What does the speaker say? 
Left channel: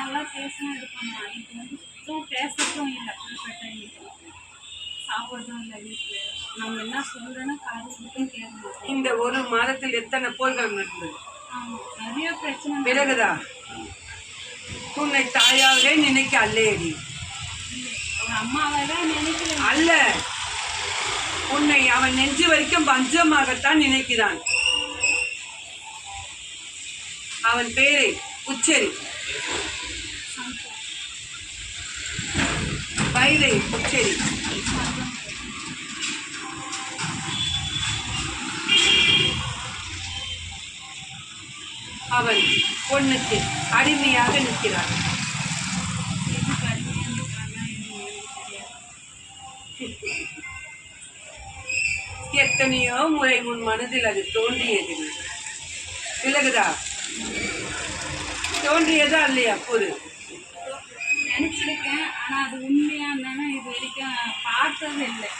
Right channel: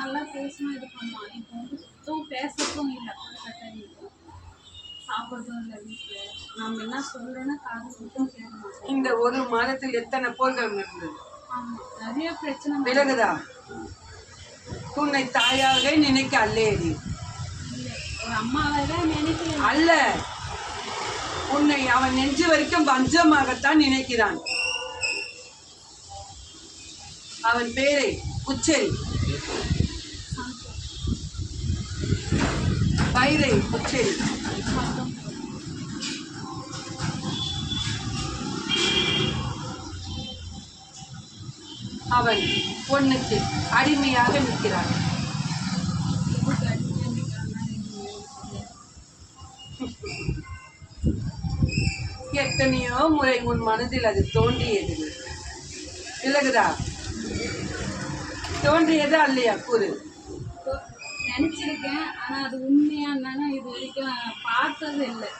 நல்லா பேசணும் இது பண்ணுவான். இப்போ வந்து சுத்தம் பேசுறதும் இல்லை. சாப்பிட்றதும் இல்லை வீட்டில். நம்ம என்ன சொல்கிறோன்னா காது சுத்தம் கேட்க மாட்டோம். இந்த ஒரு மாதத்தில் எத்தனை போர்கள் நடந்தது? ஆமாம், நிறைய பிரச்சனை. விலகுதா? உன்னை தாயாகவே நினைக்க அல்லேடி, ஒரு அம்மாவை தான் நினைக்கிறேன். அல்ல, உன்னை அவன் நெஞ்சு வரைக்கும் பஞ்சமாகத்தான் நினைக்கிறான். அவன் பேரை உச்சரி. பயிரை உச்சரி. அவன் பொண்ணுக்கு அடிமையாக நிற்கிறான். எத்தனையோ முறை உன் மனதில் அது தோன்றியது. விலகுதா? தோன்றியதா இல்லையா? கூறு. நினைச்சிருக்கேன், ஆனா அது உண்மையா என்னன்னா இது வரைக்கும் பார்த்தது இல்லை.